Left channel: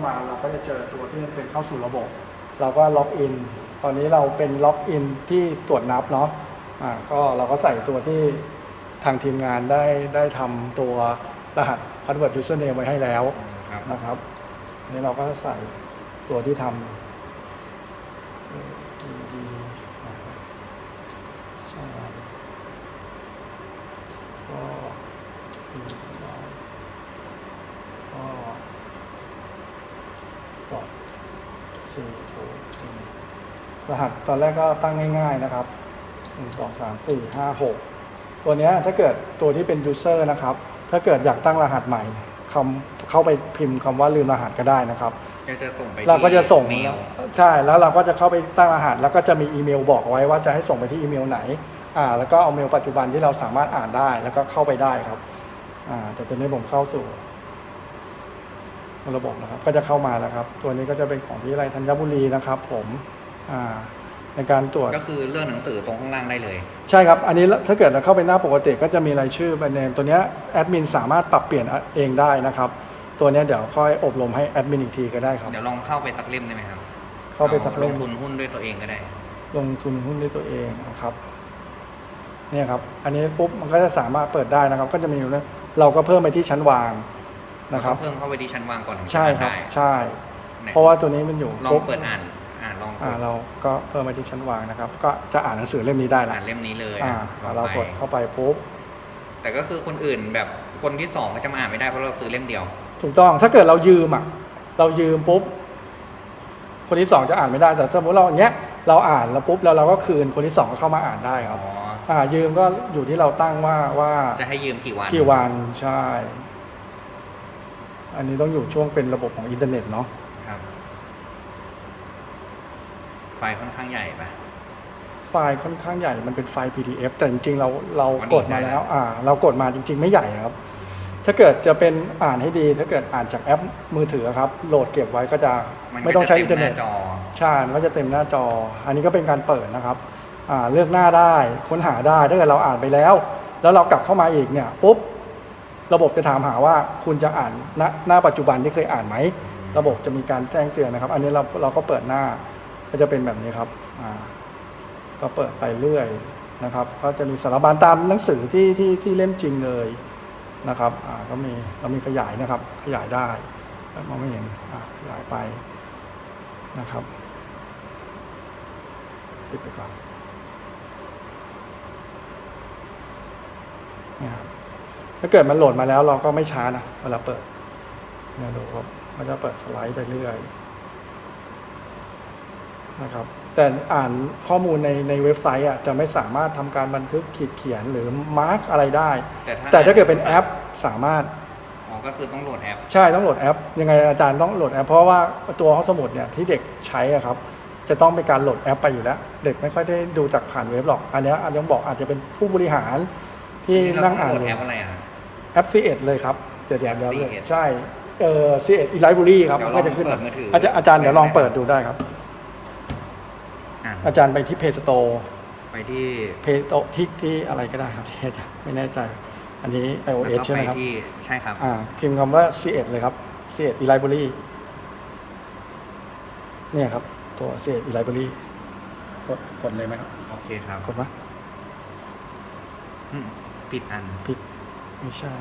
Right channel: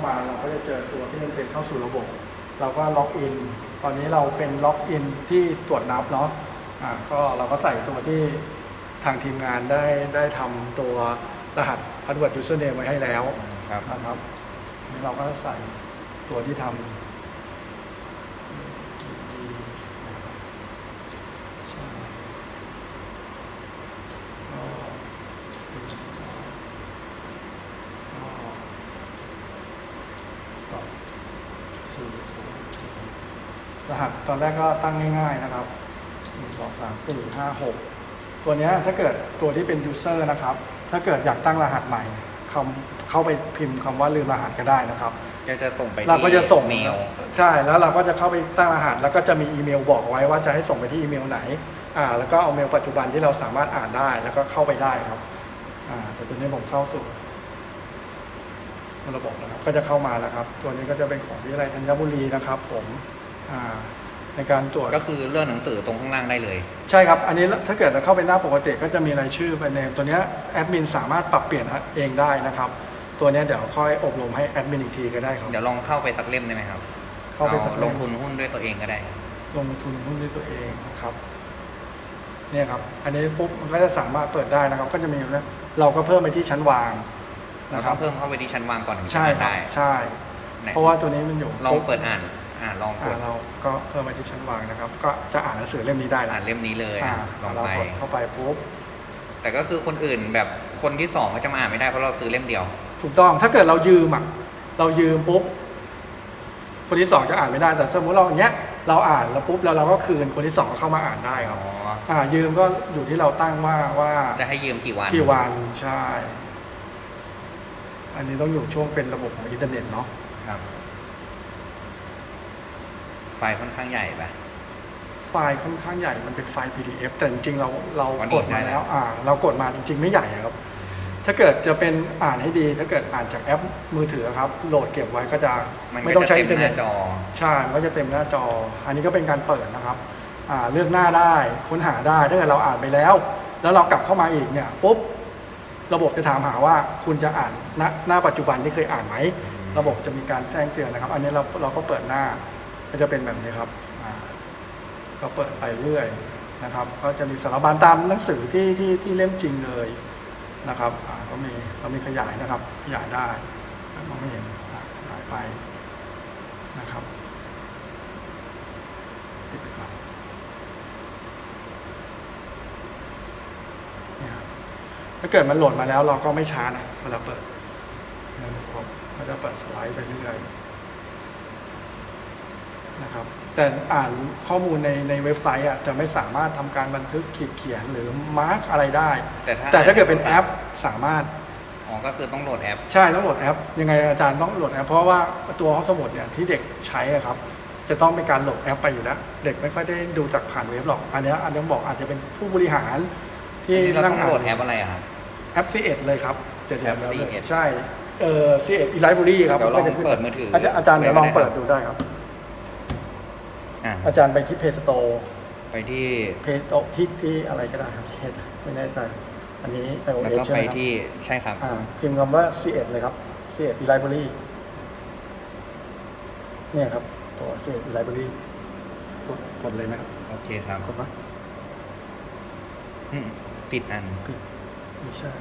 ามาเราก็จะเจอตัวที่มันเป็นเข้าสู่ระบบ เราก็ล็อกอิน ตอนนี้เราเป็นล็อกอินที่ตรวจนับเนาะอ่าก็เราก็ใส่ตัวที่ทางทีมงานได้ได้ทำตัวรหัส password username ไว้ให้แล้วครับนะครับนี่เราก็ใส่ตัวที่ทำใช่ก็ก็ก็สี่ศูนย์ รหัสตอนแรกก็ตั้งง่าย ๆนะครับหนึ่งสองสามสี่ห้าหกตัวเนี้ยถ้าเกิดตัวที่เป็น user นะครับ ถ้าเกิดอยากตั้งรหัสใหม่คำเข้าไปพิมพ์คำว่าลืมรหัสก็ได้นะครับก็จะส่งไปเราที่ก็จะส่งเมลใช่แล้วเราก็จะเข้าไปตั้งรหัส แล้วก็จะมีอีเมลบอกไว้ว่าจะให้ส่งไปที่อีเมลไหน อ่า แล้วก็เอาเมลปัจจุบันที่เราสามารถอ่านได้ แล้วก็เข้าไปได้ครับ อ่า แต่ตัวนี้ผมเข้าสู่ระบบนะครับ ก็จะเข้ามานะครับ ตัวนี้ก็จะเป็นของวิทยาลัยธัญบุรีนะครับ ผมอ่า ในการตรวจก็คือเรื่องหนังสือตรงข้างล่างได้เลย ใช่ครับ อันนี้ถ้าเกิดเราเข้าไปหน้าปกติก็จะมีรายชื่อเป็นเนมตัวเนี้ยแอดมินสามารถปรับเปลี่ยนเองได้นะครับ ตัวเนี้ยเดี๋ยวค่อยอบรมให้แอดมินอีกทีก็ได้ครับ เดี๋ยวลองเข้าไปสักเล่มได้ไหมครับเข้าเอาไปสักเล่มลงทุนหุ้นด้วยตัวเองก็ได้ ลงทุนหุ้นด้วยตัวเองนะครับเนี่ยครับ อันนี้ปุ๊บมันก็จะสามารถเปิดได้นะครับ ก็จะมีอยู่นะเราก็เพิ่มไปที่ชั้นวางเรานะคต้รัอบงเพิ่มเข้าไปที่ชั้นวางก่อนถึงจะใช่อ่านครับได้ ใช่ไหนเพราะว่าตัวนี้มันอยู่ ลองปุ๊บเปิดอ่าน อ่านลองกอ่าดเราก็เพิ่มไปที่ชั้นวางนะครับ ก็จะอ่านหนังสือเล่มนี้ได้นะอ่านเล่มนี้เลยอะลองไป เรากดเข้าไปปุ๊บ แต่ก็คือคนอื่นแบบคนที่สองเขาจะมาอ่านไม่ได้เพราะเราซื้อเล่มเดียว ถูกต้องถ้าเกิดเรายืมอะเรายืมปุ๊บคนที่สองจะอ่านไม่ได้แต่สมมติเราอย่างเงี้ยเราอ่านแล้วปุ๊บแล้วเราก็คืนคนที่สองเข้ามาอ่านได้คอ๋รัอบอ่า ยืมก็อยู่ที่เราตั้งว่าว่าจะให้ยืมกี่วัน กี่วันใช่ อันนี้ต้องอยู่ช่วงเป็นระบบของอินเทอร์เน็ตเนาะครับ ไฟล์ค่อนข้างใหญ่ปะ ไฟล์ค่อนข้างใหญ่มันเป็นไฟล์ PDF แต่จริงๆเราเราอ๋อนี่กดได้มาแล้แล้ววอ่าเรากดมาจริง ๆ ไม่ใหญ่ครับ ถ้าเกิดจะเป็นอ่านให้ดี ถ้าเกิดอ่านจากแอปมือถือครับ โหลดเก็บไว้ก็จะมันไม่ก็ต้องจะใช้เต็อิมนเทอร์หเน็น้าตจอ ใช่มันก็จะเต็มหน้าจอ อันนี้ก็เป็นการเปิดนะครับอ่าเลือกหน้าได้ค้นหาได้ถ้าเกิดเราอ่านไปแล้ว แล้วเรากลับเข้ามาอีกเนี่ยปุ๊บระบบจะถามหาว่าคุณจะอ่านหน้าหน้าปัจจุบันที่เคยอ่านไหม อืม ระบบจะมีการแจ้งเตือนนะครับ อันนี้เราเราก็เปิดหน้า ก็จะเป็นแบบนี้ครับอ่าก็เปิดไปเรื่อยนะครับ ก็จะมีสารบัญตามหนังสือที่ที่ที่เล่มจริงเลยนะครับอ่าก็มีเรามีขยายนะครับ ขยายได้มองไม่เห็นขยายไปนะครับปิดไปก่อนเนี่ยครับถ้าเกิดมันโหลดมาแล้วเราก็ไม่ช้านะเวลาเปิดนะครับมันจะเปิดสไลด์ไปเรื่อย นะครับแต่อ่านข้อมูลในในเว็บไซต์อะจะไม่สามารถทำการบันทึกขีดเขียนหรือมาร์กอะไรได้ แต่ถ้าแต่ถ้าเกิดเป็นอ่านแอในปสามารถอ๋อก็คือต้องโหลดแอป ใช่ต้องโหลดแอป ยังไงอาจารย์ต้องโหลดแอป เพราะว่าตัวห้องสมุดเนี่ยที่เด็กใช้อะครับ จะต้องเป็นการโหลดแอปไปอยู่แล้ว เด็กไม่ค่อยได้ดูจากผ่านเว็บหรอก อันเนี้ยอันนี้บอกอาจจะเป็นผู้บริหาร ที่อันนี้เราต้องนั่โหลดแอปอะไรอะครับแอป C1 เลยครับเดี๋ยวเดี๋ยวแอปเดี๋ยว C1 ใช่เออ C1 e library ครับเดี๋ยวลองเปิดมือถืออาจารย์อาจารย์เดี๋ยวลองเปิดดูได้ครับ อะอาจารย์ไปที่ Play Store ไปที่ Play Store ที่ที่อะไรก็ได้ครับที่ไม่แน่ใจ อันนี้ iOS แล้วก็ใช่ไปไหมครับที่ใช่ครับ อ่าพิมพ์คำว่า C1 เลยครับ C1 e library เนี่ยครับ ตัว C1 e library กดกดเลยไหมครับโอเคครับถูกปะอืมปิดอันผิดไม่ใช่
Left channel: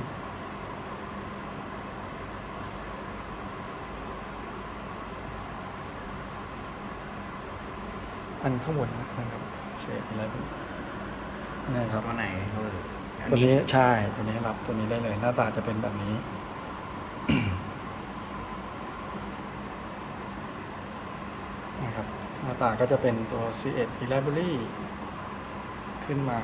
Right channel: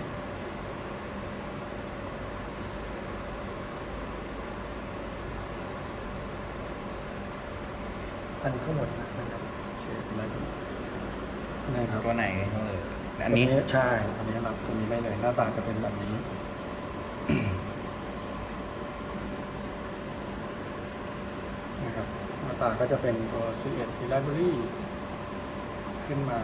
อันข้างบนนะครับ C1 e library เนี่ยครับตัวไหนเอออันตัวนี้ใช่ตัวนี้รับตัวนี้ได้เลยหน้าตาจะเป็นแบบนี้นะครับหน้าตาก็จะเป็นตัว C1 Library ขึ้นมา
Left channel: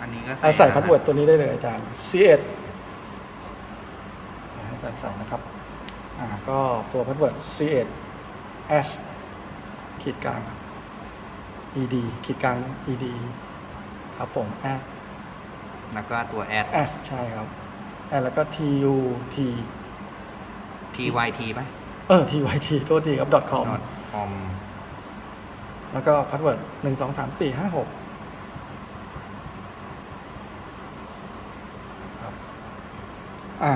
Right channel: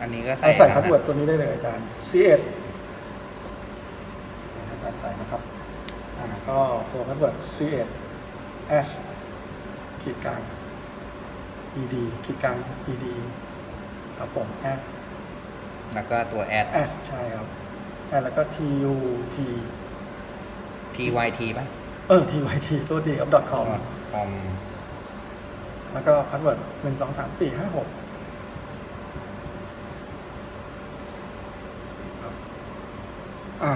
อันนี้ก็ใส่เอาใส่รพาสหัสเวิร์ดตัวนี้ได้เลยอาจารย์ C1 เวิร์ด c1 s ขีดกลาง ed ขีดกลาง ed ครับผม s แล้วก็ตัว add s ใช่ครับ s แล้วก็ tu t tyt ป่ะ เออ tyt โทษทีครับ .com .com แล้วก็พาสเวิร์ดหนึ่งสองสามสี่ห้าหกอ่า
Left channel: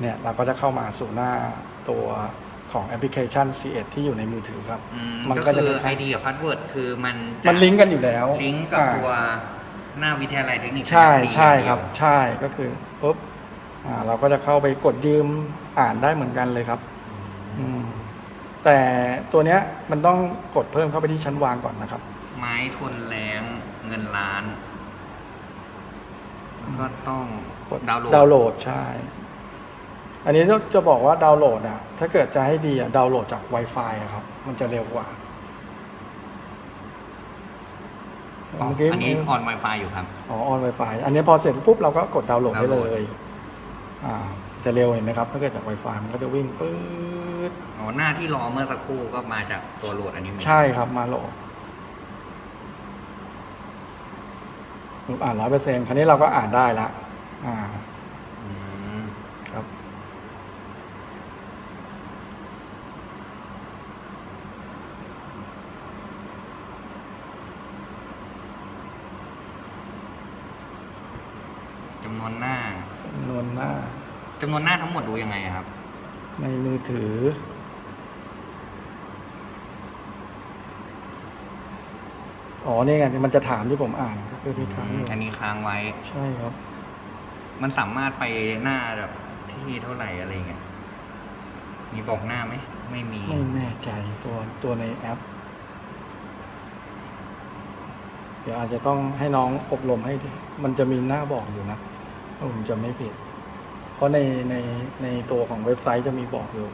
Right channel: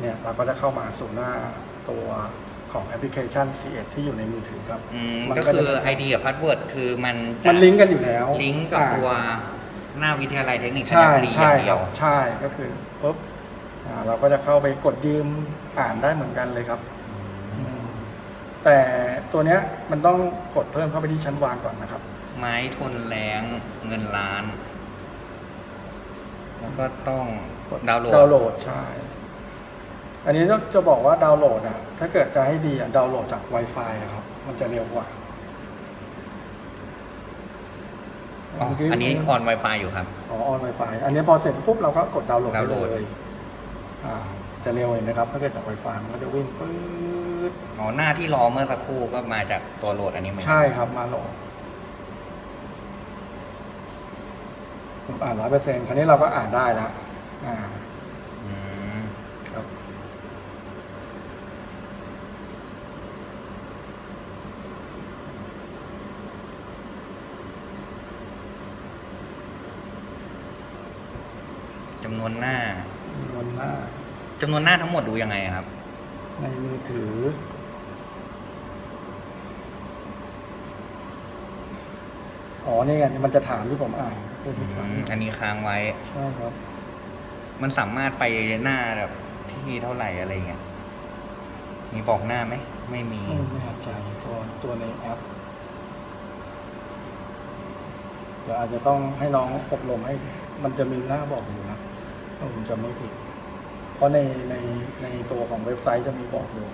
เนี่ย เราก็จะเข้ามาสู่หน้าตัว ของแอปพลิเคชัน C1 ที่อยู่ในมือถือครับอืมมันก็ก็คือจะ ID กับ Password คือมันจะมันลิงก์กันอยู่แล้วลิงก์กับอ่า ตัวหน้าวิทยาลัยเทคนิคธัญใช่บุรีอใช่ย่างคเดียรัว บใช่ก็คือปุ๊บอ่าเราก็จะเข้าไปกดยืมอ่านได้เหมือนกันเลยครับอืมแต่ตัวเนี้ยมันต้องกดเพิ่มเข้าไปที่ชั้นวางก่อนนะครับ ไม้ทนแรงเงินล้าน แล้วก็ต้องกดดาวน์โหลด ดาวน์โหลดใช่ อันนี้ต้องจะบอกว่าดาวน์โหลดนะ ถ้าเกิดจะให้ดีอะดาวน์โหลดจาก Wi-Fi อะครับ มันจะเร็วกว่าอ๋อเมื่กี้อันนี้ออน Wi-Fi อยู่ครับ อ๋อออน Wi-Fi อันนี้พอเสร็จปุ๊บเราก็กดดาวน์โหลดดาวได้น์โหลด เลยอ่า จะเร็วเห็นนะครับ ถ้าเกิดจาก Wi-Fi มันก็จะวิ่งปื๊ดอ๋อหน้าที่รอเมื่อสักครู่ก็มาจากตัวโหลดอันนี้เหมือนกันใช่ครับมาโหลดปุ๊บอ่านร้อยเปอร์เซ็นต์คราวนี้เราก็อ่านได้แล้วอ่า อืม ครับ จำน วนหน้าจำนวนหน้า จำนวนหน้าทั้งหมดดูยังไงอะครับ ในมือถือ อ๋อ นี่ไงที่มันจะถามที่ผมอ่านก็คืออืที่ถามมอันนี้ค้างไว้ ใช่ครับ มันสามารถไปหน้าแบบที่เท่าไหร่อะไรเงี้ย มีบอกหน้าไหม ไม่มี ไม่แน่ใจตัวตัวในแอป เดี๋ยวอาจจะต้องให้น้องอบรมให้ มันจะมีหน้าบอกอยู่นะถ้า ผมจำไม่ผิด เพราะในในในตัวของเว็บไซต์จะมีบอกอยู่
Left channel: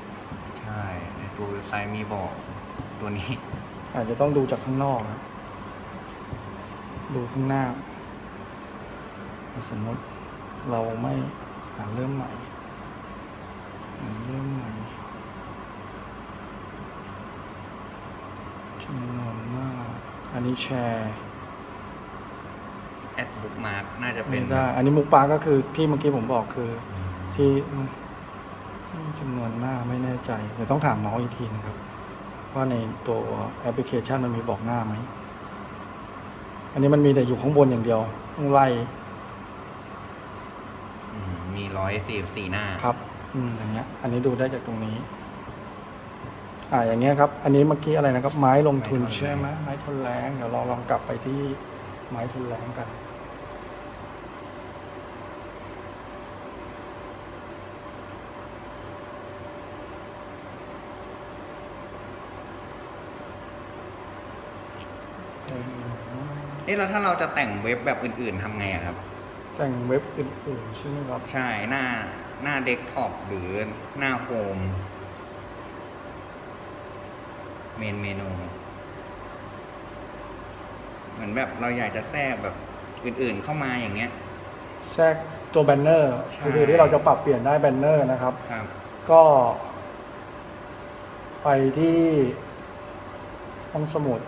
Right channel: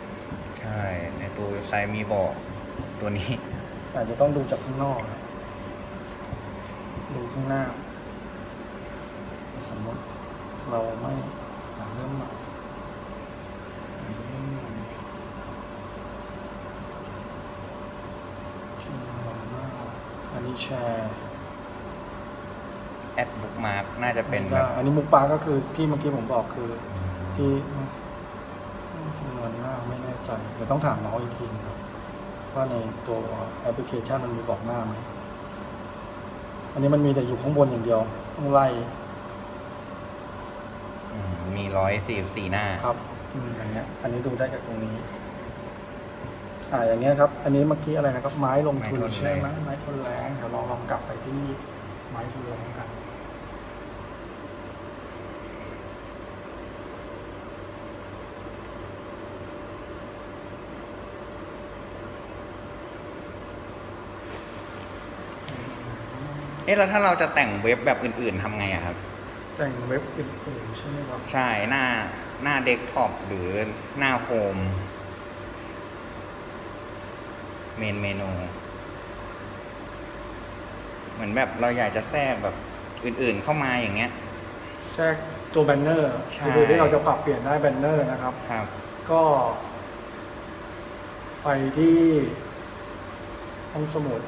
ใช่ ในตัวเว็บไซต์มีบอกตัวนี้ อาจจะต้องดูจากข้างนอกนะดูข้างหน้า สมมติเราไม่อ่าเริ่มใหม่อ่าเริ่มใหม่ที่ว่าอันนี้แชร์ แอดบุ๊กมาร์กน่าจะเป็นแบได้บอันนี้มุกปลาก็คือที่เมื่อกี้ผมบอกคือ ที่จำนวนหน้าไม่แน่ใจแต่ต้องถามน้องอีกทีนะครับ ว่าในตัวแอปพลิเคชันมันมีบอกหน้าไหม อันนี้มันมีแต่อยู่ข้างบนอย่างเดียวต้องไล่อืมมีร้อยสี่สี่หน้า ครับอืมอันเนี้ย อันนี้ดูได้จากตรงนี้ อ่าอย่างเงี้ยครับ อันนี้เมื่อกี้อะไรนะครับ ไม้ลงไม้ทุนทนแรงใช่ไหมไม้ทนแรงเดี๋ยวเราลองกลับไปที่ ไม้ทนแรงกันเอ๊ะแล้วถ้าเราจะแต่งเว็บแบบอื่น ๆทำไงอะครับ แต่งเว็บอื่นๆใช่ไหมครับใช่หน้าหน้าเดสก์ท็อปหรือหน้าโฮมเมนเมนู เหมือนแบบเราอยากจะแทรกแบบอื่นๆเข้ามาอย่างเงี้ย แทรกตัวแบนเนอร์ใช่ คือที่เราจะปรับเปลี่ยนได้แบนเนอร์นะครับ ครับ ก็ไปที่ห้องสมุด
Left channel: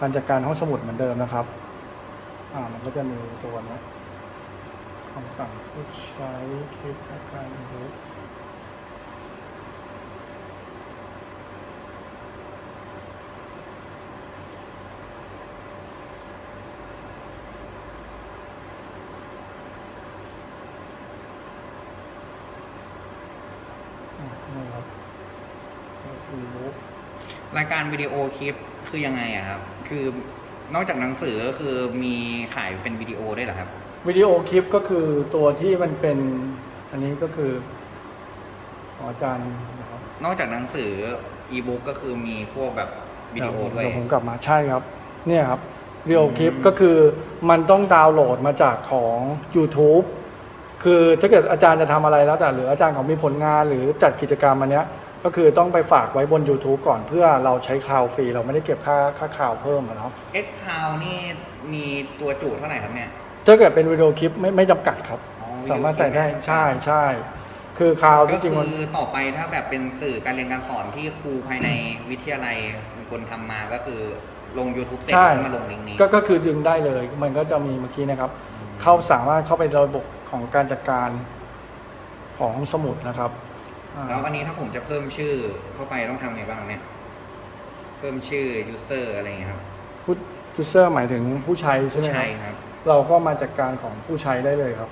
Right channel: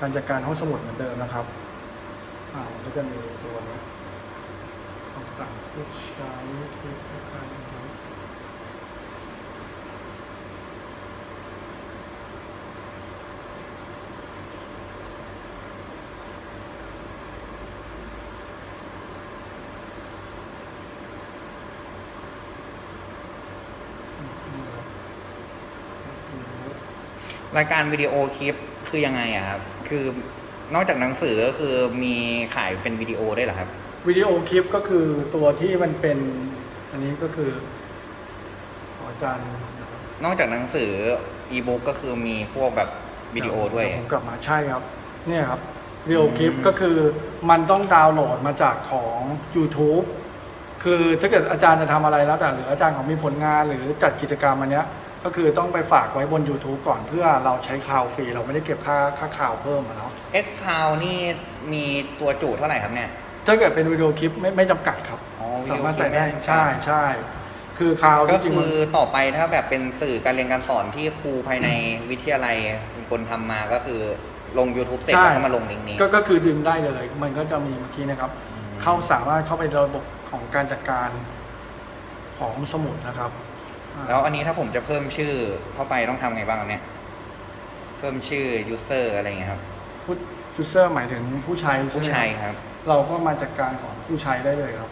การจัดการห้องสมุดเหมือนเดิมนะครับ อ่า มันก็จะมีตัวนะคำสั่งผู้ใช้คลิปที่การรู้อ่านี่ครับรู้ รายการวิดีโอคลิปคือยังไงอะครับ คือนอกจากหนังสือก็คือมีขายเป็นวิดีโอได้วยเหรอครับ วิดีโอคลิปก็คือตัวที่มันเป็น อันนี้ก็คือขออาจารย์นะครับนอกจากหนังสืออีบุ๊กก็คือมีพวกแบบวิดีโอด้วย ผมกลับมาใช่ครับ เนี่ยครับวิดีโอคลิปอืม ก็คือมันต้องดาวน์โหลดมาจากของ YouTube คือถ้าเกิดอาจารย์จะทำอะไรแล้วแต่หรืออาจารย์ของมีผลงานหรือจัดกิจกรรมอันเนี้ย ก็คือต้องไปฝากไว้บน YouTube ก่อนเพื่อเราใช้คลาวฟรีเราไม่ได้เก็บค่าค่าข่าวเพิ่มนะครับ X c o u n t นี่มีตัวจุเท่าไหร่ครับเนี่ย ถ้าเกิดเป็นวิดีโอคลิปไม่ไม่จำกัดครับอ๋อวิดีสาโอมารถคลิปใส่ได้ไม่จำกัด ใช่ใช่คือคลาวก็จริงๆคืมันอต่อไปถ้าแบบเป็นสื่อการเรียนการสอนที่ครูภายในวิทยาลัยเป็นคนทำมาก็คือลง YouTube เสร็จใช่แล้วก็มาลงลิงก์นี้ ก็ก็คือดึงได้เลย มันก็จะมีเมื่อกี้นะครับ อืม เข้าสามารถเข้าไประบบของการจัดการของสมุดนะครับ แล้วอันนี้ถ้าผมจะเพิ่มชื่อเข้าไปต้องทำไงบ้างเนี่ย เพิ่มชื่อ user อะไรอย่าเงี้ยครับ ผู้ยูเซอร์หมายถึงผู้ใช้ผู้ใช้ครับ เราก็มาจัดการของผู้ใช้ได้เลยครับ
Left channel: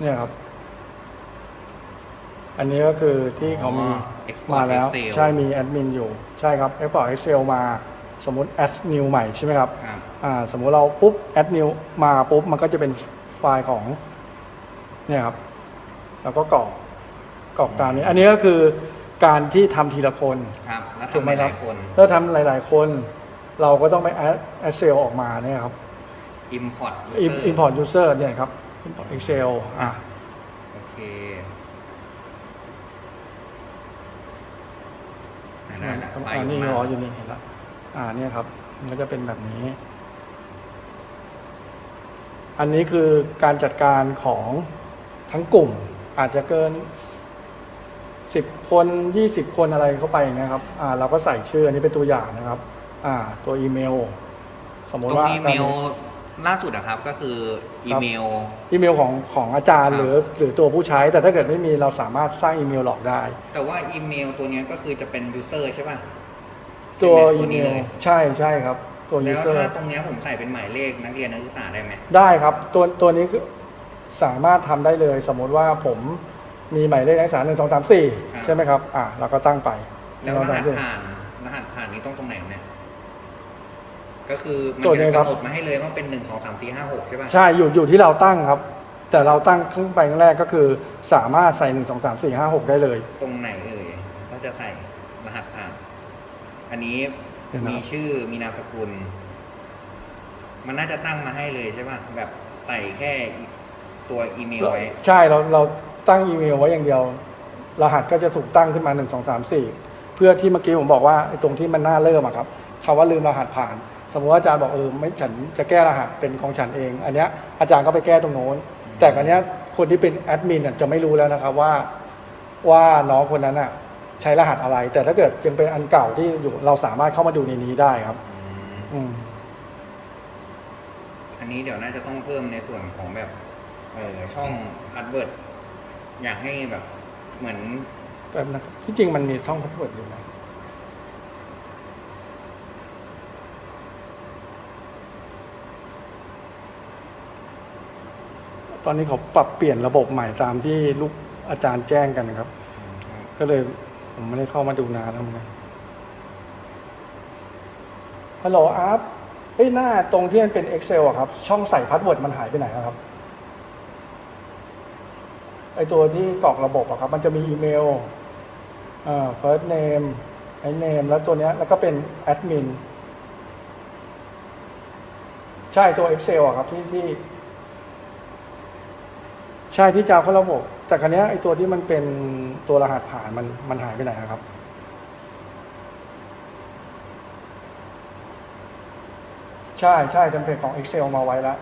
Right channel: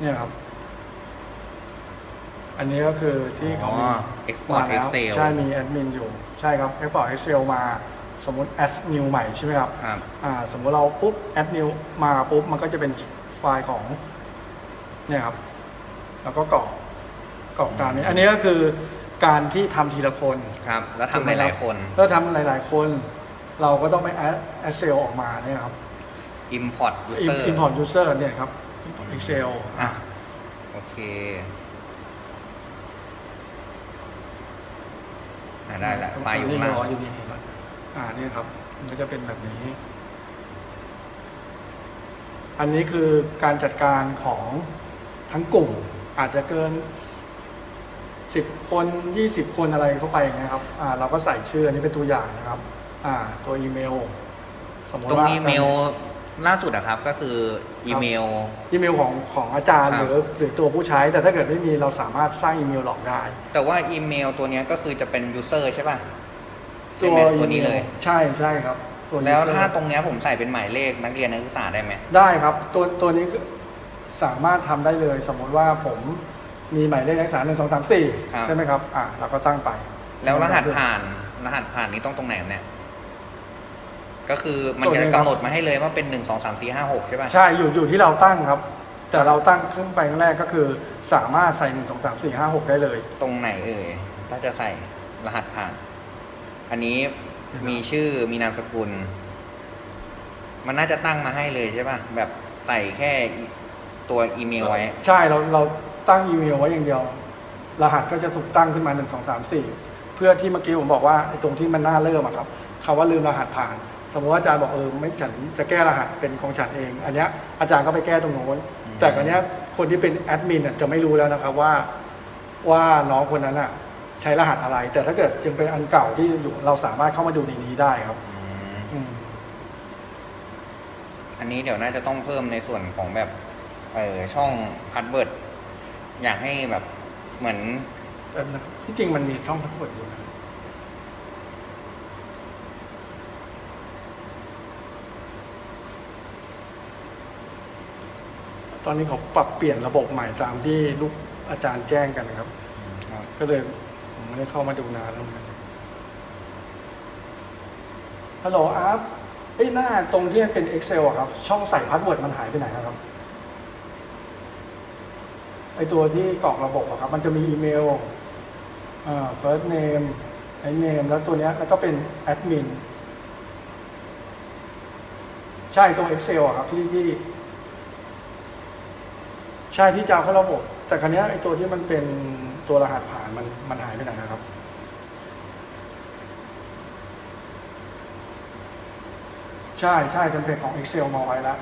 เนี่ยครับ อันนี้ก็คือที่เขาอ๋ Export Excel ใช่มีแอดมินอยู่ ใช่ครับ Export Excel มาสมมติ add new ใหม่ใช่ไหมครับ ครับ อ่าสมมุติเราปุ๊บ add new มาปุ๊บ มันก็จะเป็นไฟล์ของ เนี่ยครับ แล้วก็กรอกกรอกการนี้อืมอันนี้ก็คือการที่ทำทีละคนครับ แล้วทำหลาย ๆ คน แล้วทำหลาย ๆ คน เราก็ต้องไป add Excel ออกมาเนี่ยครับ import user import user เนี่ยครับ Excel อะโอเคอะได้ละไฟล์อยู่ข้างล่างรออยู่นี่ครับอ่าเนี่ยครับ มันก็จะเป็นแบบนี้ อันนี้คือการจัดการของ ทั้งกลุ่มอาจจะเกินสิบคนยี่สิบคนอะไรเข้าไปอย่างเงี้ยครับอ่าเราก็ใส่ชื่ออันนี้เป็นตัวอย่างนะครับ อ่า ตัวอีเมล สมมติตรงว่าอีเมลล่าสุดอะครับก็คืออีเมล อีเมลของของอาจารย์ครัหบ รือหรือตัวผู้ใช้ แต่ถ้าเกิดไม่มีเราสามารถสร้างอีเมลหลอกได้ แต่ว่าอีเมลตัวเนี้ยก็คือจะเป็น user ใช่ป่ะใช่ไหมตัวนี้เลย ใช่ใช่ครับ ตัวแล้ว user ถ้าตรงเนี้ยผมใส่เป็นหมายเลขนักเรียนนักศึกษาได้ไหม ได้ครับ ตัวตัวนี้คือ สามารถทำได้เลยสมมุติว่าผมมีหมายเลขนักศึกษาหนึ่งสองสามสี่ครับใช่ไหมครับอ่าเราก็ตั้งไป แล้วรหัสผ่านรหัสผ่านนี้ต้องตรงไหนครับเนี่ยก็คือมันจะกำหนดมาให้เลยว่าเป็นหนึ่งสองสามสี่ห้าหกใช่ป่ะใช่อยู่อยู่ที่เราตั้งครับ แต่เราตั้งขึ้นไปครั้งแรกก็คือ สามารถใส่หนึ่งสองสามสี่ห้าหกได้เลย ตรงไหนเอ่ยถ้าจะใส่รหัสผ่าน อันนี้เห็นไหมมีชื่อมีนามสกุล มันน่าจะตั้งมาให้เลยใช่ป่ะแบบใส่แค่ ตัวอีเมลไว้ ใช่เราเราตั้งอีเมลไว้อย่างเดียว รหัสก็จะถูกตั้งขึ้นมาหนึ่งสองสามสี่เพื่อที่เมื่อกี้ผมบอกว่าไอ้ตรงที่มันน่าเริ่มอะครับคำว่าลืมรหัสผ่าน สมมติว่าอาจารย์บอกเออไม่ฉันจะแก้รหัสเป็นของฉันเอง อันเนี้ยอาจารย์ก็ไปแก้ตรงโน้น อืม แต่อันเนี้ยคนที่เป็นแอดมินอะจะไม่รู้แล้วนะครับว่า ว่าน้องคนนั้นอะใช้รหัสอะไร แต่ถ้าเกิดยังเป็นอันเก่าที่อยู่เราสามารถเข้ามาดูในนี้ได้ครับ อืมอืม อันนี้เดี๋ยวน่าจะต้องเพิ่มในส่วนของแบบ เออช่องพาสเวิร์ดอยากให้แบบเหมือนแต่นะที่จริงมันมีช่องทั้งหมดอยู่นะตอนนี้เขาปรับเปลี่ยนระบบใหม่ตามที่ลูกอาจารย์แจ้งกันนะครับ ครับก็เลยผมไม่ได้เข้ามาดูนานแล้วนะฮัลโหลอัพเอ้ยหน้าตรงที่มันเป็น Excel อะครับ ช่องใส่พาสเวิร์ดมันหายไปไหนอะครับ ไอตัวที่กรอกระบบอะครับ มันจะมีอีเมลอ่า first name ไอ name แล้วตัวเนี้ยแล้วก็เป็นแอดมินใช่ตัว Excel อะครับที่ที่ ใช่ที่จะเข้าระบบ แต่ครั้นี้ยไอตัวที่มันเป็นตัวรหัสผ่านมันมันหายไปไหนอะครับใช่ใช่เทมเพลตของ Excel มาไว้แล้ว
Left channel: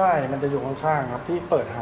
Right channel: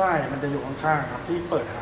ช่ มันจะอยู่ข้างๆครับที่เปิดหา